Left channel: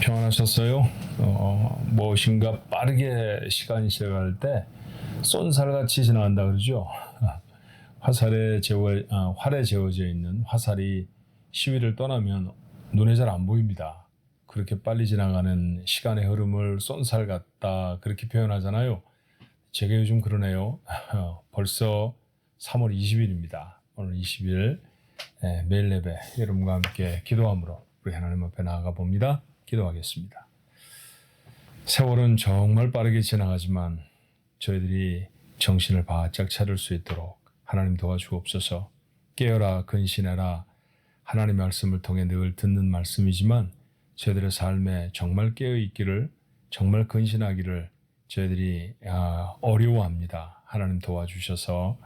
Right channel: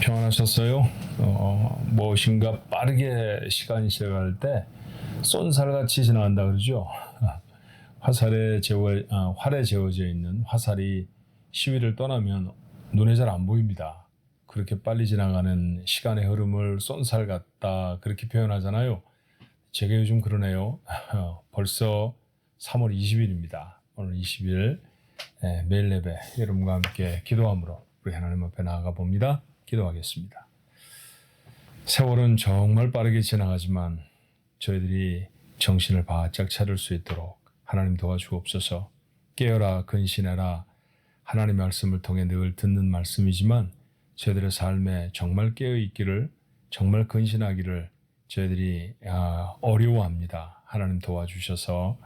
평안하셨어요? 무엇인가 빠르게 시간이 지나갈 때 쏜살같이 지나간다 그러죠. 활에 재워져 있는 화살이 시위를 떠나면 눈에 잘 안 보입니다. 그렇게 빨리 지나가는 시간의 흐름을 쏜살 같다 그렇게 표현하잖아요. 제가 요즘 그러네요. 벌써 3월 20일입니다. 오늘 20일 매일 예배 여러분과 함께 기도함으로 우리 하나님 앞에 나아가 봅니다. 기도하겠습니다. 세월은 정말 빠르게 지나가지만 저희들이 정신을 바짝 차릴 수 있도록 하나님 도와주옵소서. 깨어라 근신해라. 하나님의 말씀을 통해 늘 듣는 말씀이지만 저희들의 삶에 정말 깨어있기를, 정말 근신하기를 저희들이 어려워합니다. 하나님 도와주셔서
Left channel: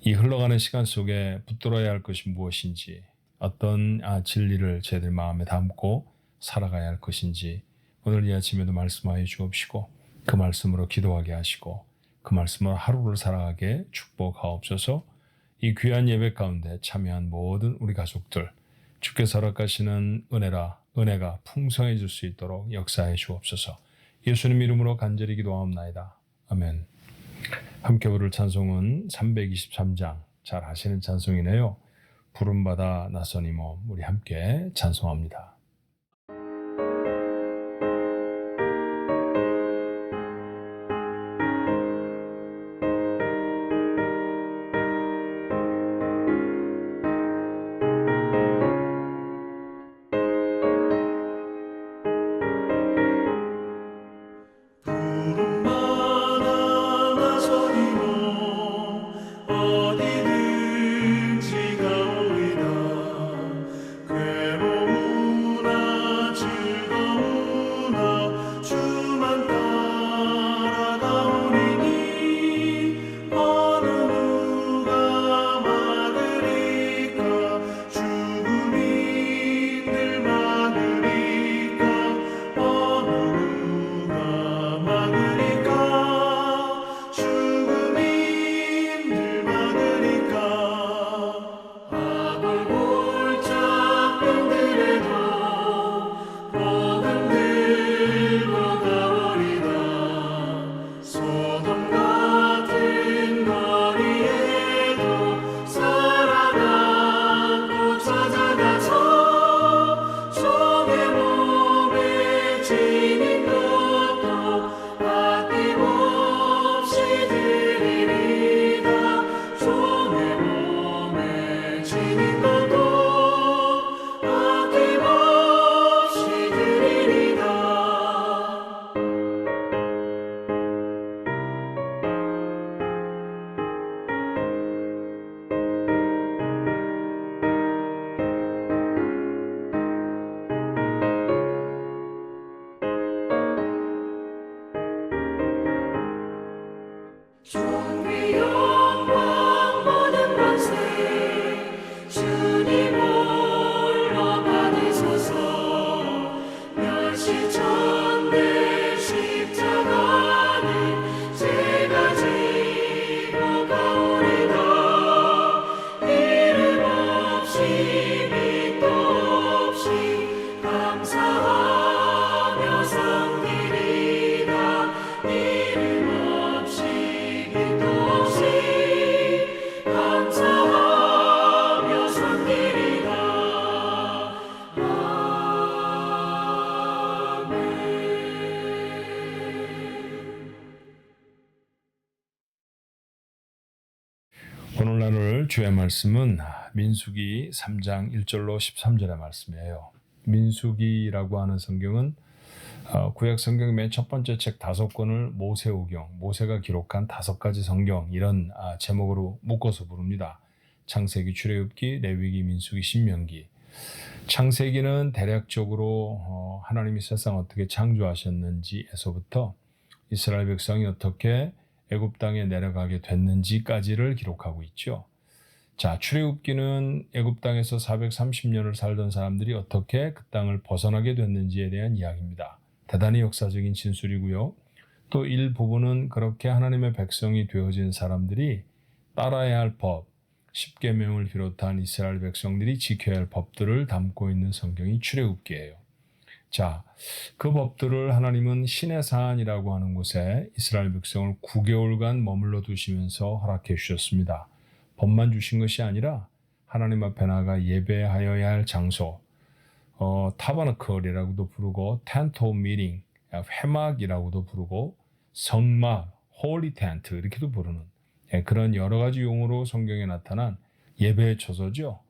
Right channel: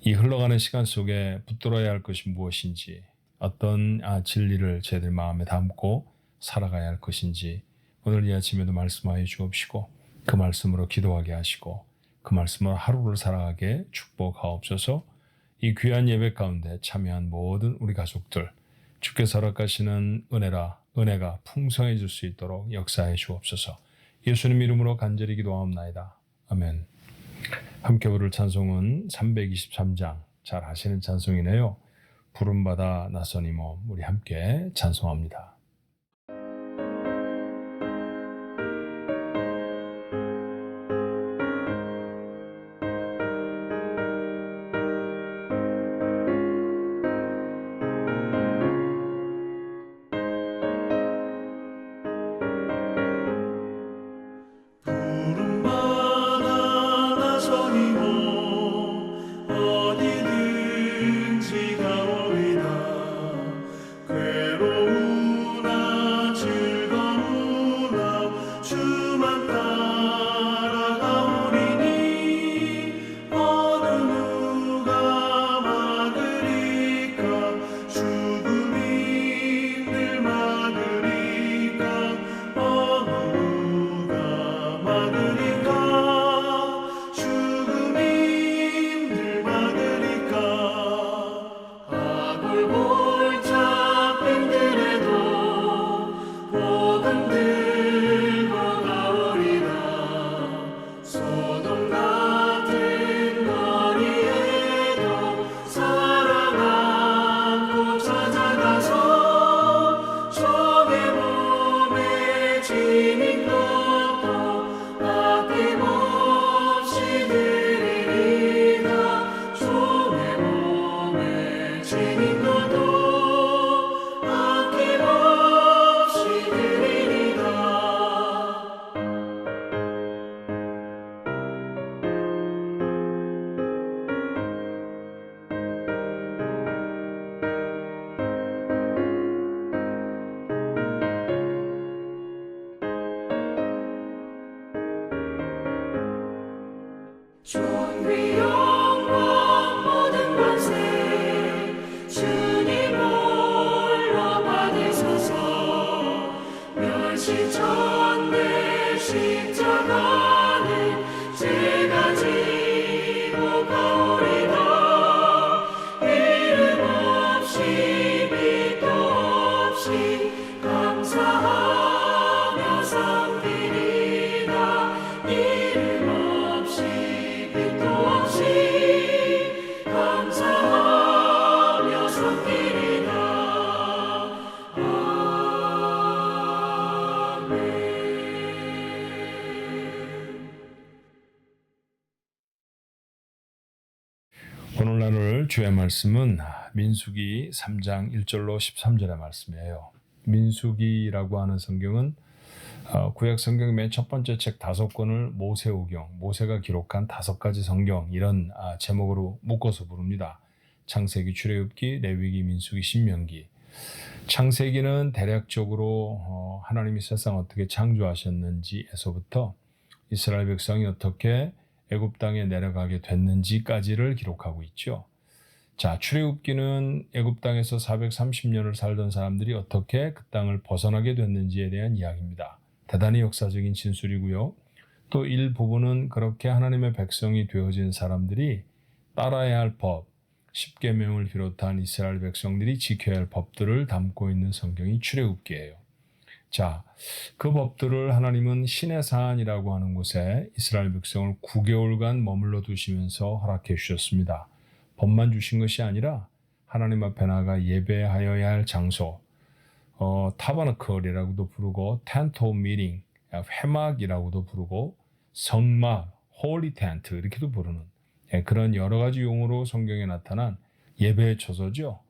이 흘러가는 시간 속에 붙들어야 할 것이 무엇인지, 어떤 진리를 저희들 마음에 담고 살아가야 할 것인지 오늘 이 아침에도 말씀하여 주옵시고 그 말씀으로 기도하게 하시고 그 말씀으로 하루를 살아가게 축복하옵소서. 이 귀한 예배 가운데 참여한 모든 우리 가족들 주께서 허락하시는 은혜가 풍성해질 수 있도록 역사해 주옵소서. 예수님 이름으로 간절히 기도하옵나이다. 아멘. 함께 부를 찬송은 323장, 잘 아시는 찬송이네요. 부름받아 나선 이 몸, 우리 함께 찬송합니다. 오늘 나눌 주의 말씀은 민수기 3장 1절로 13절의 말씀이에요. 민수기라고 하는 성경은 구약 성경 맨 첫 번째 책 5권을 모세오경, 모세가 기록한 5가지 성경 이런 제목으로 묶어서 부릅니다. 창세기, 출애굽기, 레위기, 민수기, 신명기. 창세기는 대략적으로 하나님이 세상 어떻게 창조하셨는지에서부터 이스라엘 백성이 어떻게 애굽 땅에 내려가게 됐는지까지를 기록하고 있죠. 자, 출애굽기는 애굽 땅에서 430년을 살던 사람들이 어떻게 그 땅을 벗어나게 됐는지에 대한 이야기입니다. 대단히 역사적인 진술이고요. 또 일부분은 그렇게 하나님의 백성이 되어진 사람들이 따라야 할 법, 십계명을 비롯한 이스라엘 백성들이 지켜야 할 법들을 담고 있는 성경이 출애굽기예요. 자, 그 법들을 하나님은 시내산이라고 하는 곳에 이스라엘 백성을 9개월간 머물러 두시면서 허락해 주셨습니다. 법만 주신 것이 아니라 하나님 앞에 나가 예배하여야 할 장소, 타버너클이라고도 부르고 텐트 오브 미팅, 회막이라고도 부르고 성막, 홀리 텐트 이렇게도 부르는 그런 여러 가지 용어로 성경에 나타난 예배의 처소죠.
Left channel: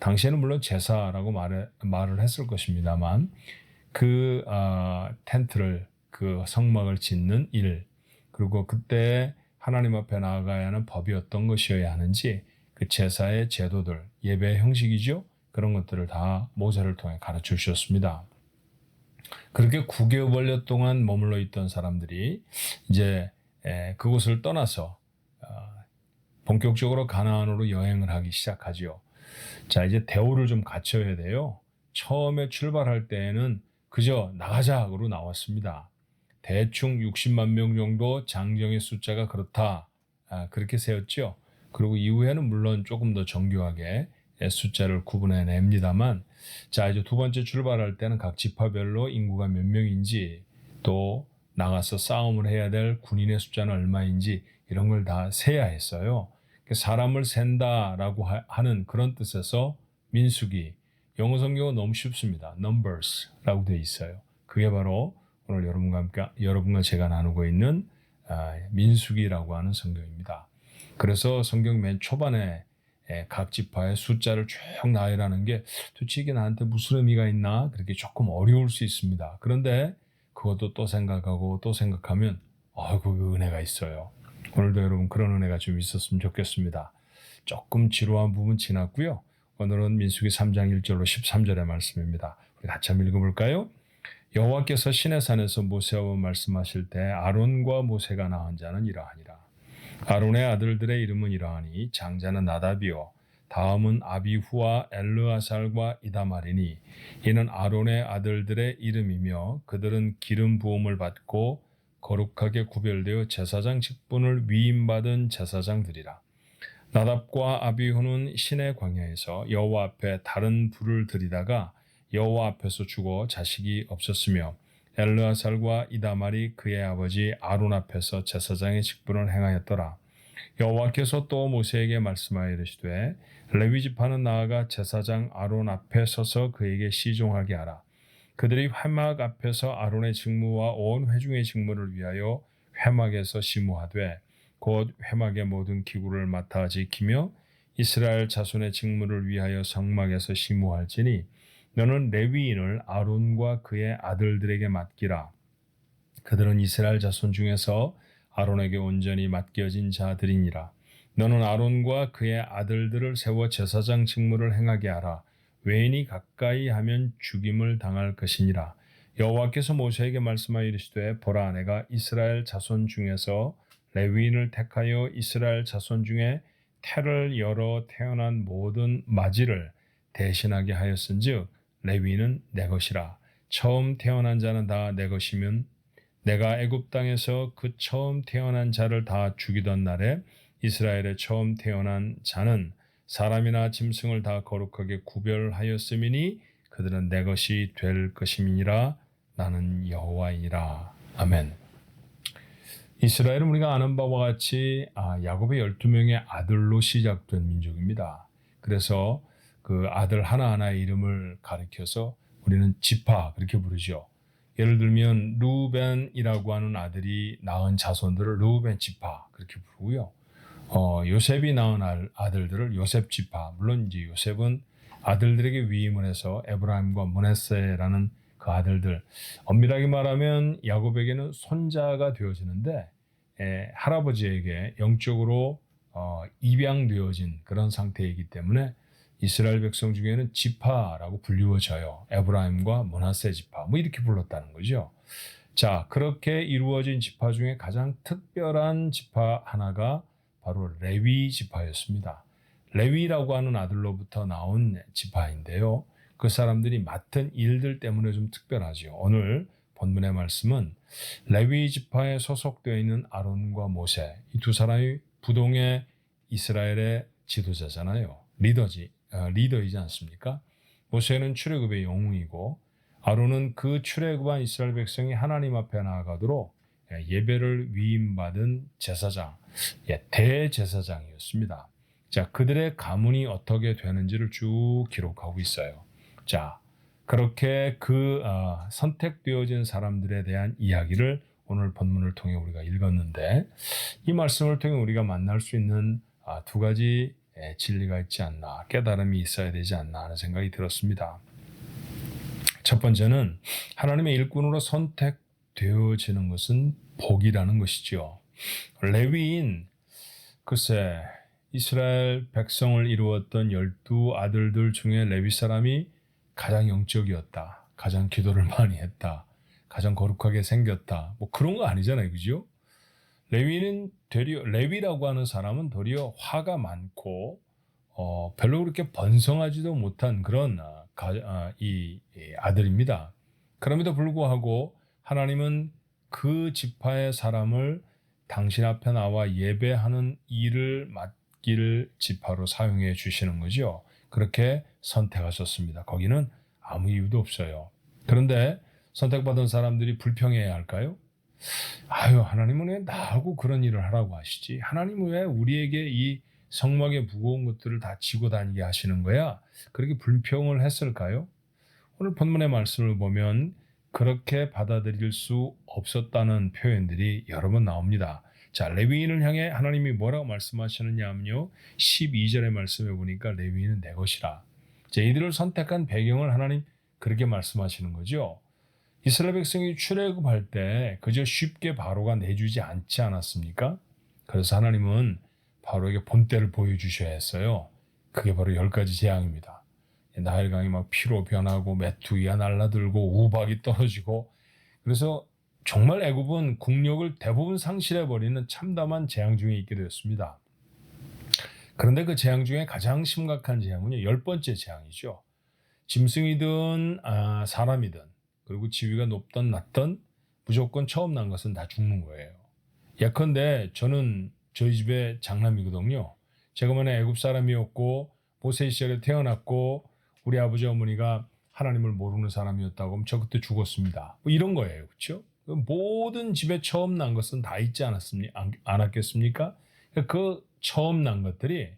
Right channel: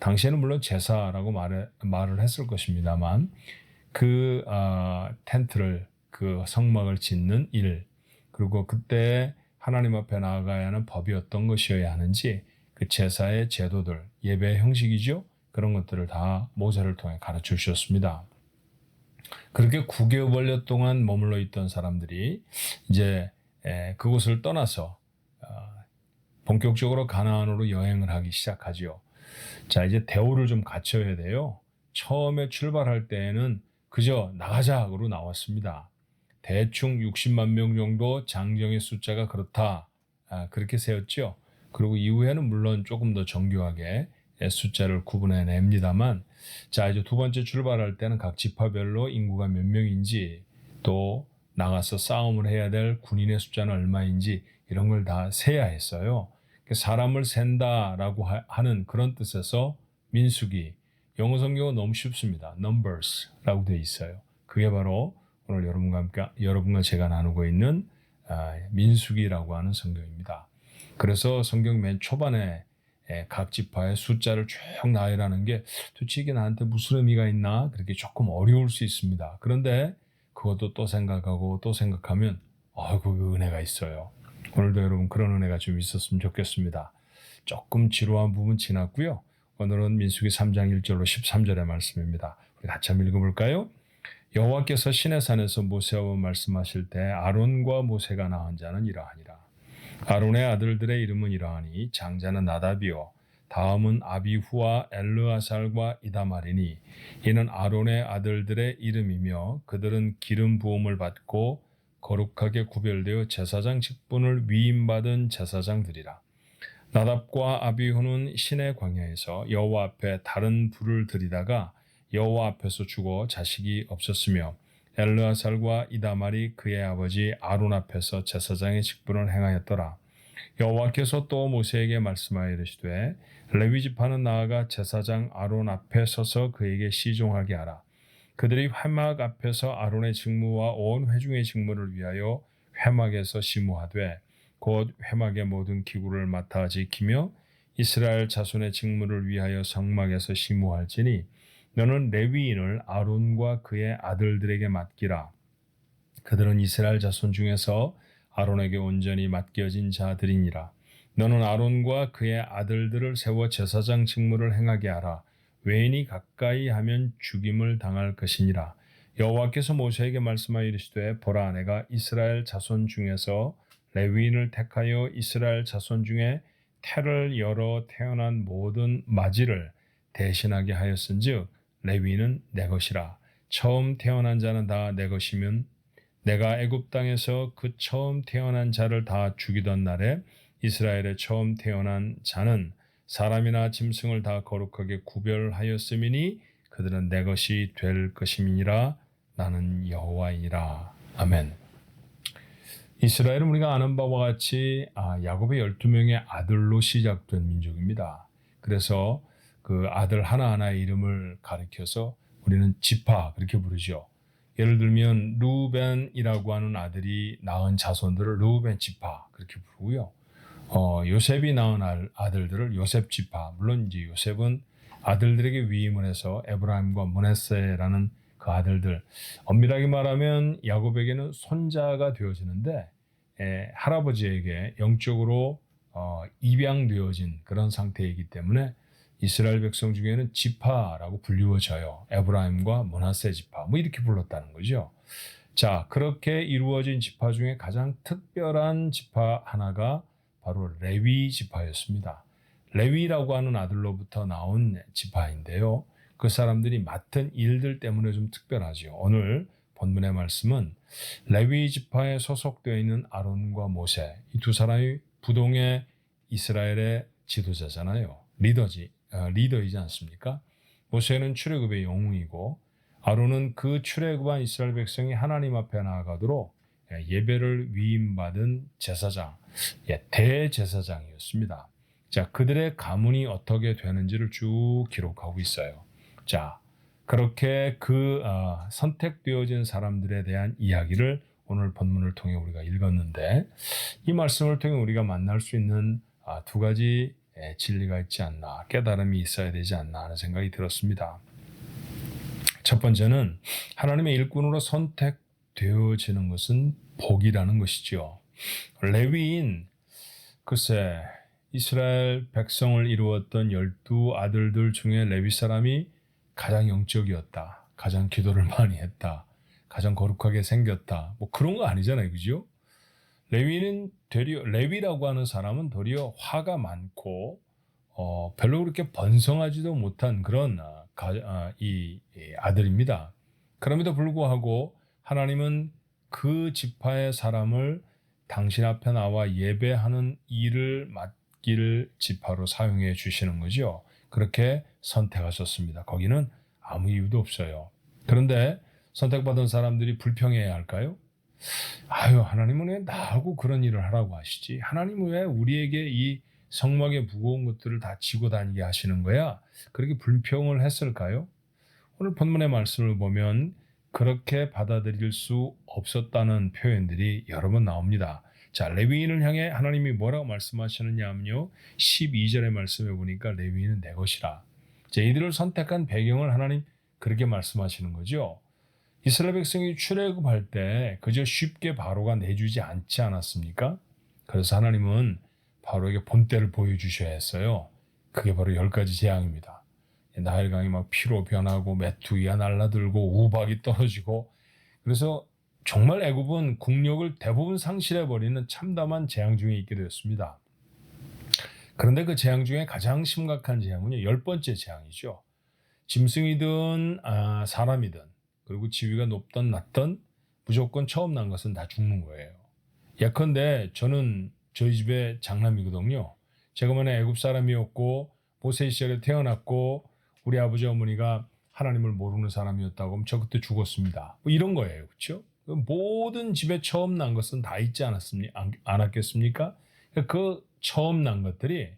당시에는 물론 제사라고 말을 했을 것입니다만 그 텐트를 그 성막을 짓는 일 그리고 그때 하나님 앞에 나아가야 하는 법이 어떤 것이어야 하는지 그 제사의 제도들 예배의 형식이죠. 그런 것들을 다 모세를 통해 가르쳐 주셨습니다. 그렇게 9개월 동안 머물러 있던 사람들이 이제 그곳을 떠나서 본격적으로 가나안으로 여행을 하기 시작하죠. 자, 이제 대우를 좀 갖춰야 돼요. 처음에 출발할 때에는 그저 나가자로 나왔습니다. 대충 60만 명 정도 장정의 숫자가 그렇다. 그렇게 세웠죠. 그리고 이후에는 물론 조금 더 정교하게 숫자를 구분해냅니다만 자, 이제 두 번째 출발할 때는 각 지파별로 인구가 몇 명인지 또 나가서 싸움을 해야 될 군인의 숫자는 얼마인지 이런 걸 다 세야 했어요. 사람을 센다라고 하는 그런 뜻에서 민수기, 영어 성경은 너무 쉽습니다. numbers라고 되어 있어요. 그게 바로 오늘 여러분과 제가 나누고 있는 민수기라고 하는 성경입니다. 그래서 성경 맨 초반에 각 지파의 숫자를 쭉 나열하는 게 도대체 이게 나한테 무슨 의미가 있나 그렇게 조금 어려울 수 있습니다. 그런데 그것도 또 생각하고 또 생각하면 그 은혜가 있어요. 오늘도 여러분 그런 은혜가 좀 있었으면 좋겠습니다. 조금 지루한 부분 지났고요. 오늘은 민수기 3장 1절로 13절의 말씀입니다. 우리 같이 한번 읽어볼까요? 여호와께서 시내산에서 모세와 말씀하실 때 아론과 모세가 낳은 자는 이러하니라. 아론의 아들들의 이름은 이러하니 장자는 나답이요 다음은 아비후와 엘르아살과 이다말이니 이는 아론의 아들들의 이름이며 그들은 기름 부음을 받고 거룩하게 구별되어 제사장 직분을 위임받은 제사장들이라. 나답과 아비후는 시내 광야에서 여호와 앞에 다른 불을 들이다가 여호와 앞에서 죽어 자식이 없었으며 엘르아살과 이다말이 그의 아버지 아론 앞에서 제사장의 직분을 행하였더라. 여호와께서 또 모세에게 말씀하여 이르시되 레위 지파는 나아가 제사장 아론 앞에 서서 그에게 시종하게 하라. 그들이 회막 앞에서 아론의 직무와 온 회중의 직무를 위하여 회막에서 시무하되 곧 회막의 모든 기구를 맡아 지키며 이스라엘 자손의 직무를 위하여 성막에서 시무할지니 너는 레위인을 아론과 그의 아들들에게 맡기라. 그들은 이스라엘 자손 중에서 아론에게 온전히 맡겨진 자들이니라. 너는 아론과 그의 아들들을 세워 제사장 직무를 행하게 하라. 외인이 가까이 하면 죽임을 당할 것이니라. 여호와께서 모세에게 말씀하여 이르시되 보라 내가 이스라엘 자손 중에서 레위인을 택하여 이스라엘 자손 중에 태를 열어 태어난 모든 마지를 대신하게 하였은즉 레위인은 내 것이라. 처음 태어난 자는 다 내 것이면 내가 애굽 땅에서 그 처음 태어난 자를 다 죽이던 날에 이스라엘의 처음 태어난 자는 사람이나 짐승을 다 거룩하게 구별하였음이니 그들은 내 것이 될 것임이니라. 나는 여호와이니라. 아멘. 이스라엘은 우리가 아는 바와 같이 야곱의 12명의 아들로 시작된 민족입니다. 그래서 그 아들 하나하나의 이름을 가리켜서 우리는 지파 그렇게 부르죠. 예를 들면 루벤이라고 하는 아들이 낳은 자손들을 루벤 지파 그렇게 부르고요. 요셉이 낳은 아들들을 요셉 지파. 물론 이제 요셉은 아들들에게 위임을 해서 에브라임과 므낫세라는 그 아들들. 엄밀하게 말하면 야곱에게는 손자가 되어지는데 할아버지에게 영적으로 입양되어진 그런 상태이기 때문에 이스라엘 백성 중에는 지파라고 불리워져요. 에브라임과 므낫세 지파 뭐 이렇게 불렀다는 거죠. 자, 그렇게 이루어진 지파 중에 가장 특별한 지파 하나가 바로 레위 지파였습니다. 레위라고 하는 아들로부터 나온 지파인데요. 그 사람들이 맡은 일들 때문에 좀 특별하죠. 오늘 본문의 말씀은 레위 지파에 소속되어 있는 아론과 모세 이 두 사람이 부동의 이스라엘의 지도자잖아요. 리더이지 않습니까? 모세는 출애굽의 영웅이고 아론은 그 출애굽한 이스라엘 백성이 하나님 앞에 나아가도록 예배를 위임받은 제사장, 대제사장이었습니다. 자, 그들의 가문이 어떻게 되는지를 쭉 기록하고 있어요. 자, 그렇게 선택되어진 사람들에 대한 이야기를 오늘 본문을 통해 우리가 읽었는데, 이 말씀을 통해 우리가 만날 수 있는 두 가지 진리가 있지 않나, 깨달음이 있어야 되지 않나 하는 생각이 들었습니다. 첫 번째는 하나님의 일꾼으로 선택되어지는 것은 복이라는 것이죠. 레위인, 글쎄 이스라엘 백성을 이루었던 12 아들들 중에 레위 사람이 가장 영적이었다, 가장 기도를 많이 했다, 가장 거룩하게 생겼다, 뭐 그런 거 아니잖아요, 그죠? 레위라고 하는 사람은 도리어 화가 많고 별로 그렇게 번성하지도 못한 그런 이 아들입니다. 그럼에도 불구하고 하나님은 그 지파의 사람을 당신 앞에 나와 예배하는 일을 맡길 지파로 사용해 주시는 거죠. 그렇게 선택하셨습니다. 거기는 아무 이유도 없어요. 그런데 선택받은 사람들이 불평해야 할까요? 하나님은 왜 나하고 그런 일을 하라고 하시지? 하나님은 왜 우리에게 이 성막의 무거운 것들을 다 지고 다니게 하시는 거야? 그렇게 불평을 했을까요? 오늘 본문의 말씀을 보면 그렇게 받아들일 수 없었다는 표현들이 여러 번 나옵니다. 자, 레위인을 향해 하나님이 뭐라고 말씀하시느냐 하면요, 12절의 말씀에 보니까 레위인은 내 것이라. 자, 이들을 선택한 배경을 하나님 그렇게 말씀하시는 거죠. 이스라엘 백성이 출애굽할 때 그저 쉽게 바로가 내주지 않지 않았습니까? 그래서 하나님은 바로에게 본때를 보여주셔야 했어요. 그게 바로 10가지 재앙입니다. 나일강이 막 피로 변하고 메뚜기가 날라들고 우박이 떨어지고, 그래서 정말 애굽은 국력을 대부분 상실해버리는 참담한 재앙 중에 있게 되었습니다. 그런데 그 재앙 중에 가장 심각한 재앙은요, 10번째 재앙이죠. 짐승이든 사람이든, 그리고 지위가 높든 낮든 무조건 처음 난 것은 다 죽는 거예요. 예컨대 저는 저희 집에 장남이거든요. 제가 만약 애굽 사람이었고 모세 시절에 태어났고 우리 아버지 어머니가 하나님을 모르는 사람이었다고 하면 저 그때 죽었습니다. 뭐 이런 거예요. 그렇죠? 모든 집에 처음 난 것은 다 있지 않았겠습니까? 그 처음 난 것들이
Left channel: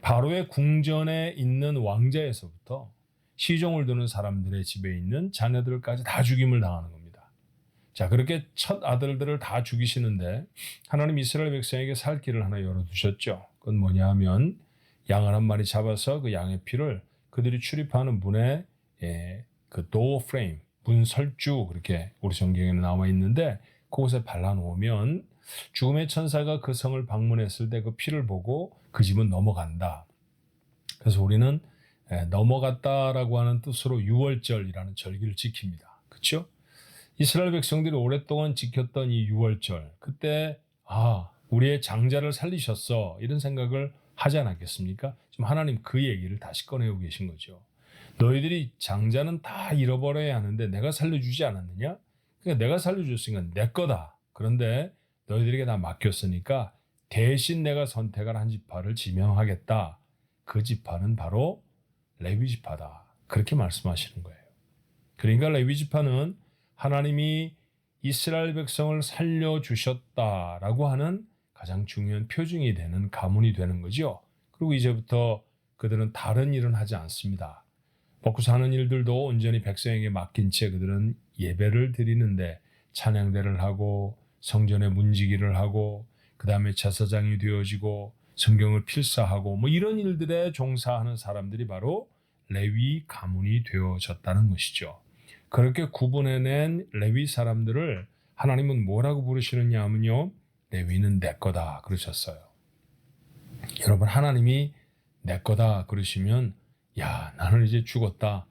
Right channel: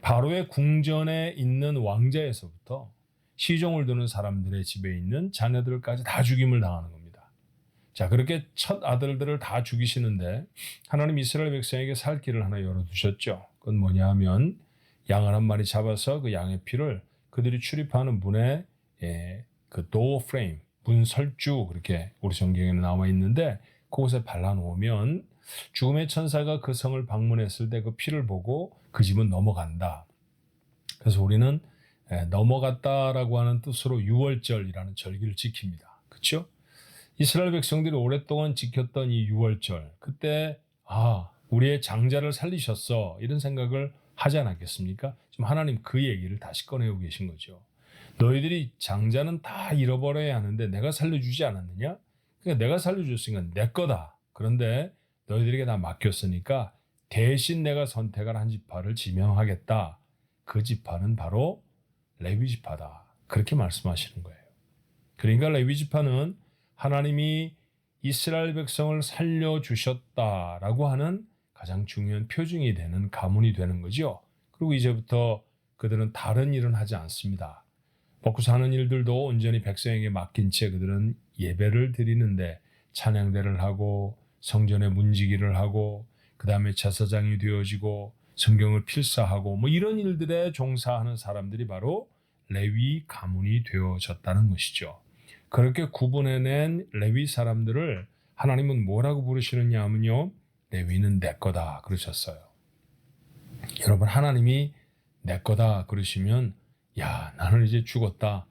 바로의 궁전에 있는 왕자에서부터 시종을 두는 사람들의 집에 있는 자녀들까지 다 죽임을 당하는 겁니다. 자, 그렇게 첫 아들들을 다 죽이시는데 하나님 이스라엘 백성에게 살 길을 하나 열어두셨죠. 그건 뭐냐 하면 양을 한 마리 잡아서 그 양의 피를 그들이 출입하는 문에 그 도어 프레임, 문 설주, 그렇게 우리 성경에는 나와 있는데 그곳에 발라놓으면 죽음의 천사가 그 성을 방문했을 때 그 피를 보고 그 집은 넘어간다. 그래서 우리는 넘어갔다라고 하는 뜻으로 유월절이라는 절기를 지킵니다. 그렇죠? 이스라엘 백성들이 오랫동안 지켰던 이 유월절, 그때 우리의 장자를 살리셨어, 이런 생각을 하지 않았겠습니까? 지금 하나님 그 얘기를 다시 꺼내고 계신 거죠. 너희들이 장자는 다 잃어버려야 하는데 내가 살려주지 않았느냐? 그러니까 내가 살려줬으니까 내 거다. 그런데 너희들에게 다 맡겼으니까 대신 내가 선택을 한 지파를 지명하겠다. 그 지파는 바로 레위 지파다. 그렇게 말씀하시는 거예요. 그러니까 레위 지파는 하나님이 이스라엘 백성을 살려주셨다라고 하는 가장 중요한 표징이 되는 가문이 되는 거죠. 그리고 이제부터 그들은 다른 일은 하지 않습니다. 먹고 사는 일들도 온전히 백성에게 맡긴 채 그들은 예배를 드리는데 찬양대를 하고 성전에 문지기를 하고 그 다음에 제사장이 되어지고 성경을 필사하고 뭐 이런 일들에 종사하는 사람들이 바로 레위 가문이 되어졌다는 것이죠. 그렇게 구분해낸 레위 사람들을 하나님은 뭐라고 부르시느냐 하면요, 레위는 내 거다 그러셨어요. 여러분, 하나님이 내 거다 그러시면 나는 이제 죽었다,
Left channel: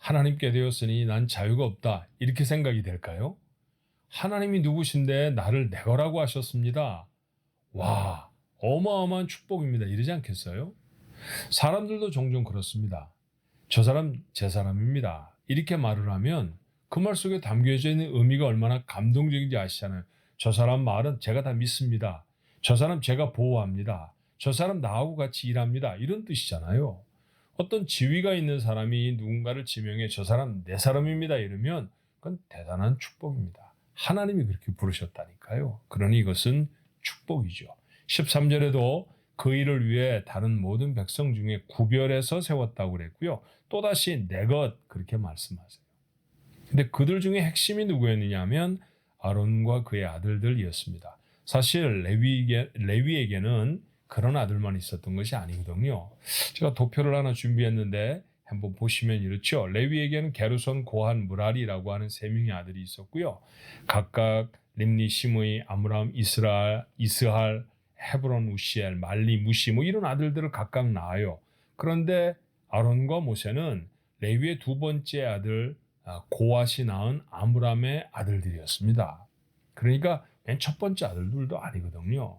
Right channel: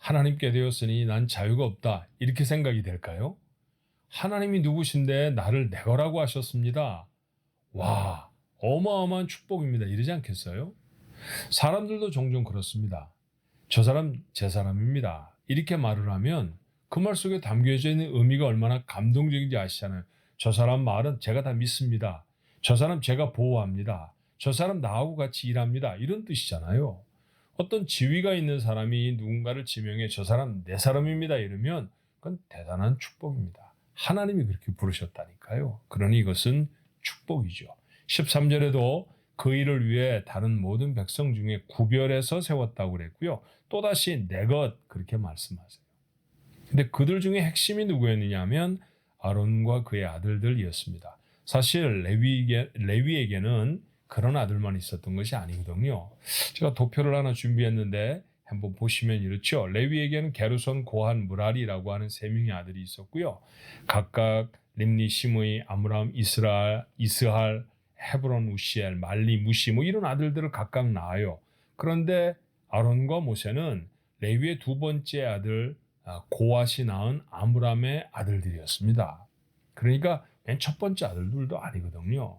하나님께 되었으니 난 자유가 없다, 이렇게 생각이 될까요? 하나님이 누구신데 나를 내 거라고 하셨습니다. 와, 어마어마한 축복입니다, 이러지 않겠어요? 사람들도 종종 그렇습니다. 저 사람 제 사람입니다, 이렇게 말을 하면 그 말 속에 담겨져 있는 의미가 얼마나 감동적인지 아시잖아요. 저 사람 말은 제가 다 믿습니다. 저 사람 제가 보호합니다. 저 사람 나하고 같이 일합니다. 이런 뜻이잖아요. 어떤 지위가 있는 사람이 누군가를 지명해 저 사람 내 사람입니다 이러면 그건 대단한 축복입니다. 하나님이 그렇게 부르셨다니까요. 그러니 이것은 축복이죠. 13절에도 그 일을 위해 다른 모든 백성 중에 구별해서 세웠다고 그랬고요. 또다시 내 것 그렇게 말씀하세요. 근데 그들 중에 핵심이 누구였느냐 하면 아론과 그의 아들들이었습니다. 사실 레위에게는 그런 아들만 있었던 것이 아니거든요. 제가 도표를 하나 준비했는데 한번 보시면 이렇죠. 레위에게는 게르손, 고한, 무라리라고 하는 세 명의 아들이 있었고요. 각각 림니, 시므이, 아므람, 이스할, 헤브론, 우시엘, 말리, 무시 이런 아들들을 각각 낳아요. 그런데 아론과 모세는 레위의 두 번째 아들 고앗이 낳은 아므람의 아들들이었습니다. 그러니까 맨 첫 번째 아들들도 아니거든요.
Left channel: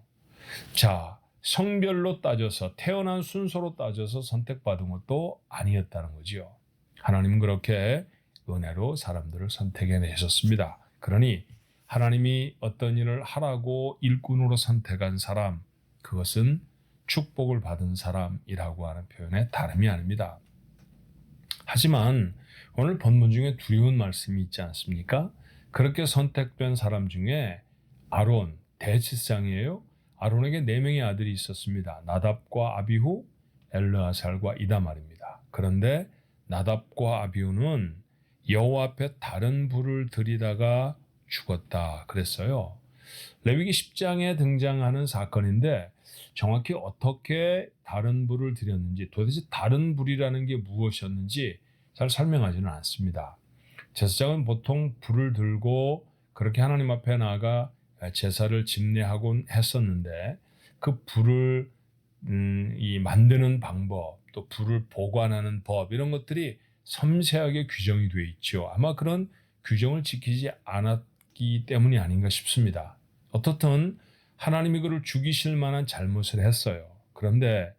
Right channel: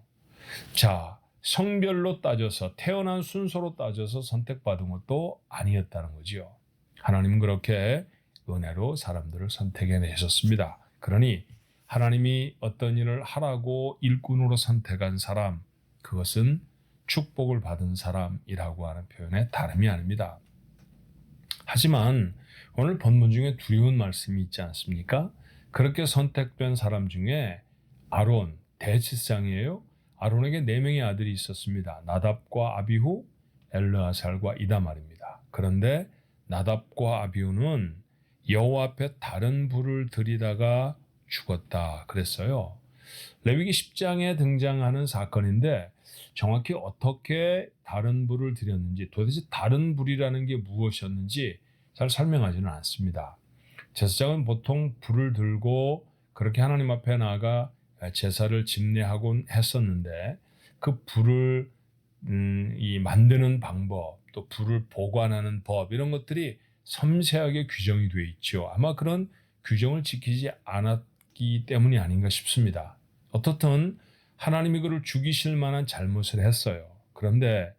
자, 성별로 따져서 태어난 순서로 따져서 선택받은 것도 아니었다는 거죠. 하나님은 그렇게 은혜로 사람들을 선택해 내셨습니다. 그러니 하나님이 어떤 일을 하라고 일꾼으로 선택한 사람, 그것은 축복을 받은 사람이라고 하는 표현에 다름이 아닙니다. 하지만 오늘 본문 중에 두려운 말씀이 있지 않습니까? 그렇게 선택된 사람 중에 아론, 대제사장이에요. 아론에게 4명의 아들이 있었습니다. 나답과 아비후, 엘르아살과 이다말입니다. 그런데 나답과 아비후는 여호와 앞에 다른 불을 들이다가 죽었다 그랬어요. 레위기 10장에 등장하는 사건인데 정확히 어떻게 다른 불을 들였는지, 도대체 다른 불이라는 게 무엇이었는지 잘 설명하지는 않습니다. 제사장은 보통 불을 들고 그렇게 하나님 앞에 나아가 제사를 집례하곤 했었는데 그 불을 이 만드는 방법, 또 불을 보관하는 법 이런 것들이 섬세하게 규정이 되어 있죠. 아마 그런 규정을 지키지 않았기 때문이 아닌가 싶습니다. 어떻든 하나님이 그를 죽이실 만한 잘못을 했어요. 그런데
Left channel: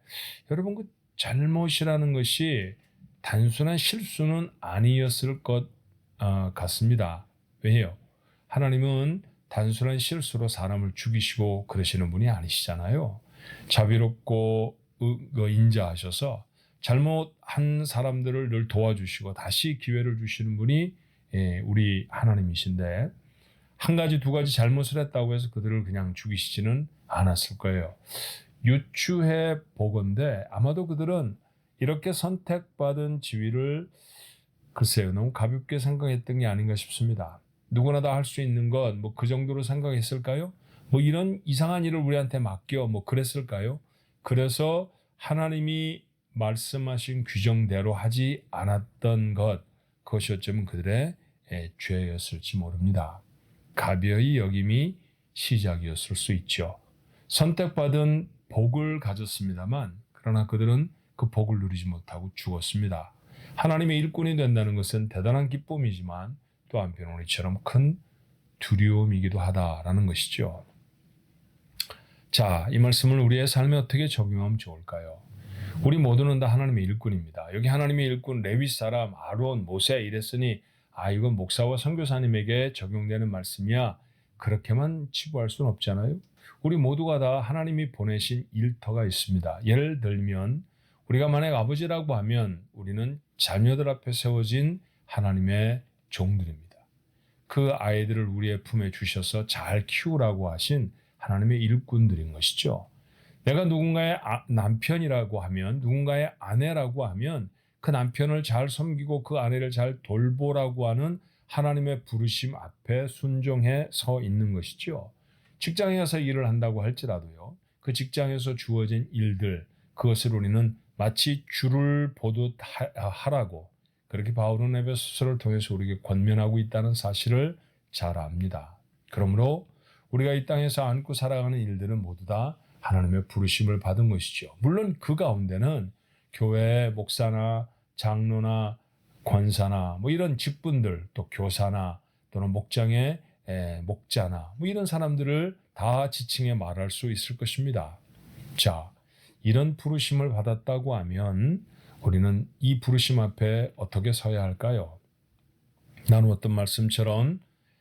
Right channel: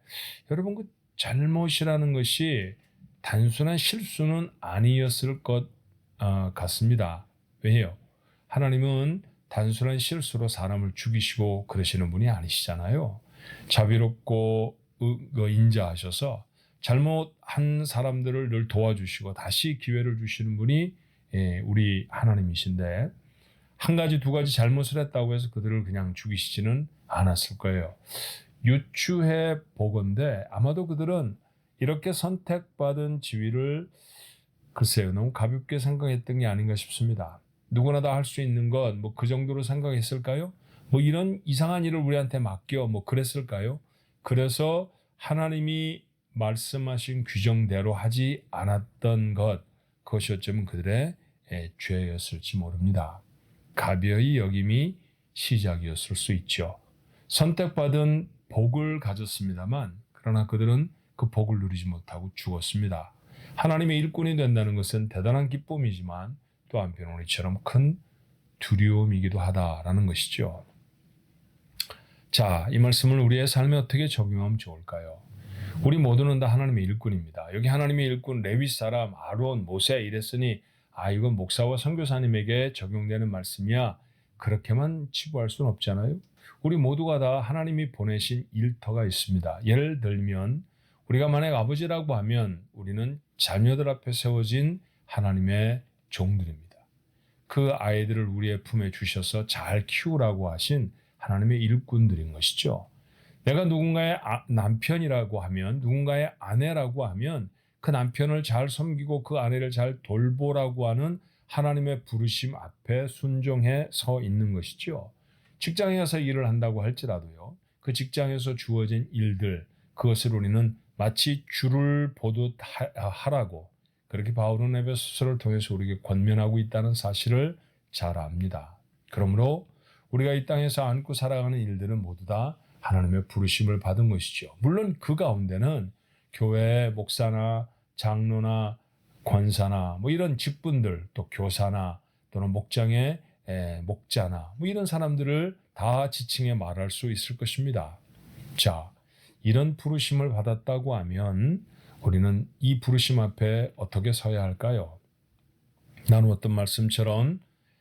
여러분 그 잘못이라는 것이 단순한 실수는 아니었을 것 같습니다. 왜요? 하나님은 단순한 실수로 사람을 죽이시고 그러시는 분이 아니시잖아요. 자비롭고 인자하셔서 잘못한 사람들을 늘 도와주시고 다시 기회를 주시는 분이 우리 하나님이신데 한 가지 두 가지 잘못을 했다고 해서 그들을 그냥 죽이시지는 않았을 거예요. 유추해 보건대 아마도 그들은 이렇게 선택받은 지위를 글쎄요 너무 가볍게 생각했던 게 아닌가 싶습니다. 누구나 다 할 수 있는 것 그 정도로 생각했을까요? 이런 이상한 일을 우리한테 맡겨 그랬을까요? 그래서 하나님이 말씀하신 규정대로 하지 않았던 것, 그것이 어쩌면 그들의 죄였을지 모릅니다. 가벼이 여김이 시작이었을 수 있죠. 선택받은 복을 가졌습니다만 그러나 그들은 그 복을 누리지 못하고 죽었습니다. 하나님의 일꾼이 된다는 것은 대단한 기쁨이지만 또 한편으로는 이처럼 큰 두려움이기도 하다라는 것이죠. 자, 이 말씀을 우리의 삶에 어떻게 적용하면 좋을까요? 우리 모두는 다 하나님의 일꾼입니다. 여기 하나님의 일꾼 레위 사람 아론, 모세 이랬으니 이건 목사와 선교사님에게 적용되는 말씀이야. 그렇게만 치부할 수는 없잖아요. 우리 모두가 다 하나님이 보내신 일터가 있습니다. 예를 들면 우리가 만약 아버지라고 하면 우리는 자녀들 앞에 세워진 하나님의 종들입니다. 그 아이들을 우리의 품에 주셔서 잘 키우라고 하신 하나님의 일꾼들인 것이죠. 내가 누군가의 남편이라고 하면, 누군가의 아내라고 하면 그 남편을 잘 섬기고 그 아내를 잘 돌보라고 하는 하나님의 부르심 앞에 순종해 서 있는 것이죠. 직장에 가서 일을 한다고 할지라도요. 그 직장에서 주어진 일들, 그것을 우리는 마치 주를 보듯 하라고 그렇게 바울은 에베소서를 통해서 우리에게 권면하고 있다는 사실을 잘 압니다. 그러므로 우리가 이 땅에서 안고 살아가는 일들은 모두 다 하나님의 부르심을 받은 것이죠. 물론 그 가운데는 교회 목사나 장로나 권사나 이런 직분들, 또 교사나 또는 목장의 목자나 이런 사람들을 다 지칭해 말할 수 있을 것입니다. 자, 이런 부르심을 받았다고 하면 우리는 이 부르심 앞에 어떻게 서야 할까요? 나누었던 말씀처럼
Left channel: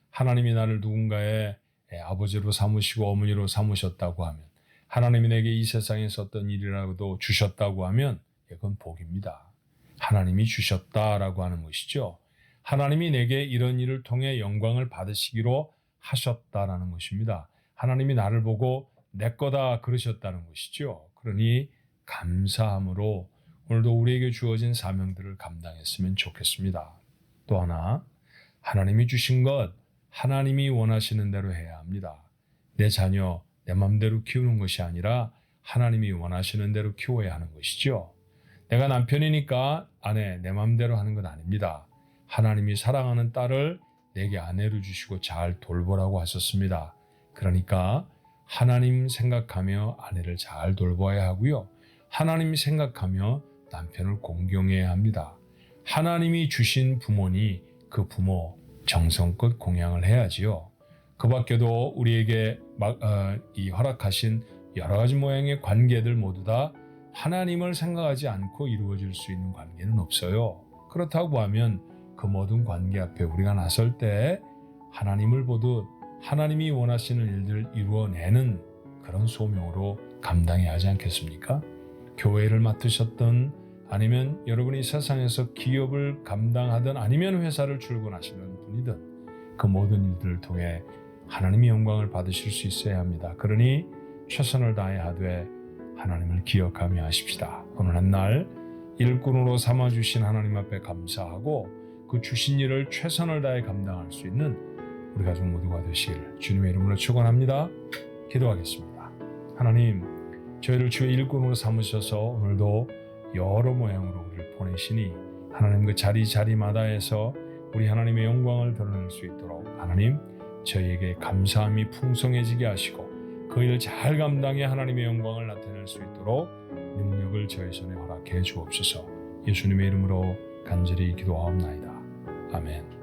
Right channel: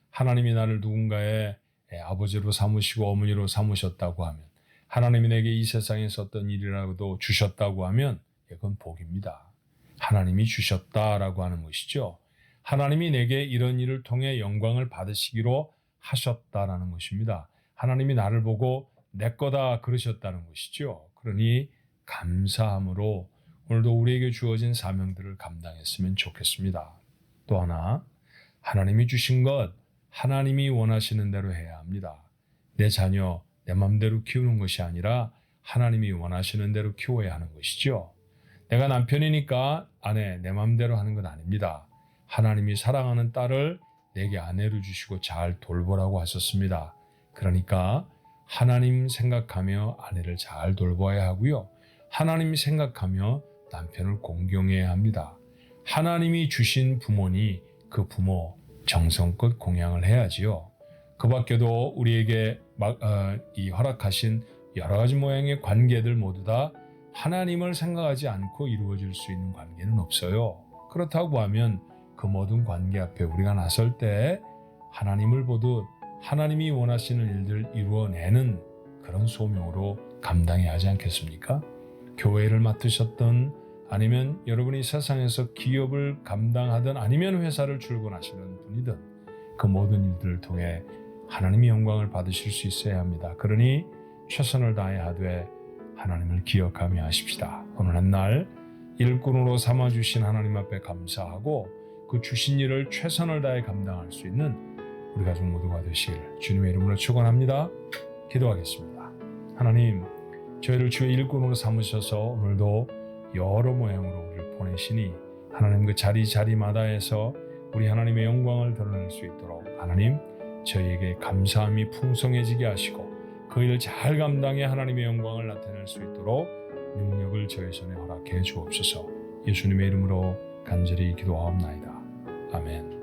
하나님이 나를 누군가의 아버지로 삼으시고 어머니로 삼으셨다고 하면, 하나님이 내게 이 세상에서 어떤 일이라도 주셨다고 하면 이건 복입니다. 하나님이 주셨다라고 하는 것이죠. 하나님이 내게 이런 일을 통해 영광을 받으시기로 하셨다라는 것입니다. 하나님이 나를 보고 내 거다 그러셨다는 것이죠. 그러니 감사함으로 오늘도 우리에게 주어진 사명들을 감당했으면 좋겠습니다. 또 하나, 하나님이 주신 것 하나님이 원하시는 대로 해야 합니다. 내 자녀 내 맘대로 키우는 것이 아니라 하나님이 원하시는 대로 키워야 하는 것이죠. 내가 남편이니까 아내 내 맘대로 하는 건 아닙니다. 하나님이 사랑하는 딸을 내게 아내로 주시고 잘 돌보라고 하셨습니다. 그러니까 하나님 생각하며 아내를 잘 돌봐야 하고요. 하나님 생각하며 남편을 공경해야 합니다. 하나님이 주신 부모니 그 부모 정성껏 공양을 해야지요. 그 밖에도 우리에게 이 허락하신 여러 가지 모양의 관계들 모두 다 하나님을 생각하지 않고 이루어질 수 있는 관계는 없어요. 그렇다고 하면 그 모든 관계 앞에 우리가 나설 때 하나님을 보듯 하나님이 원하시는 일들을 이루어내는 그런 소명으로 감당해야 하지 않겠습니까? 교회를 맡으셨던 아니면 여러분이 세상에서 기업을 감당하든 아니면 회사를 출근하시는 분이든 그 모든 일들을 통해 하나님의 영광을 받으실 수 있어야 합니다. 그러니 최선을 다해 하되 하나님을 기억하며 하십시다. 오늘 한 날 일꾼으로 삼아주신 하나님 앞에 감사하고 그 주신 일을 최선을 다해 감당할 수 있는 우리 가족 모두가 되시기를 주님의 이름으로 축원합니다. 기도하겠습니다. 하나님, 저희를 주의 일꾼으로 삼으셔서 오늘도 여러 모양으로 우리를 보내시니 하나님 그 자리마다에서 우리 하나님의 영광을 드러낼 수 있도록 하나님 저희에게 감사함이 풍성해지게 하시고 그 일을 잘 감당해 하나님의 영광을 나타낼 수 있도록 능력을 저희 손에 허락해 주옵소서. 예수님의 이름으로 간절히 기도하옵나이다. 아멘.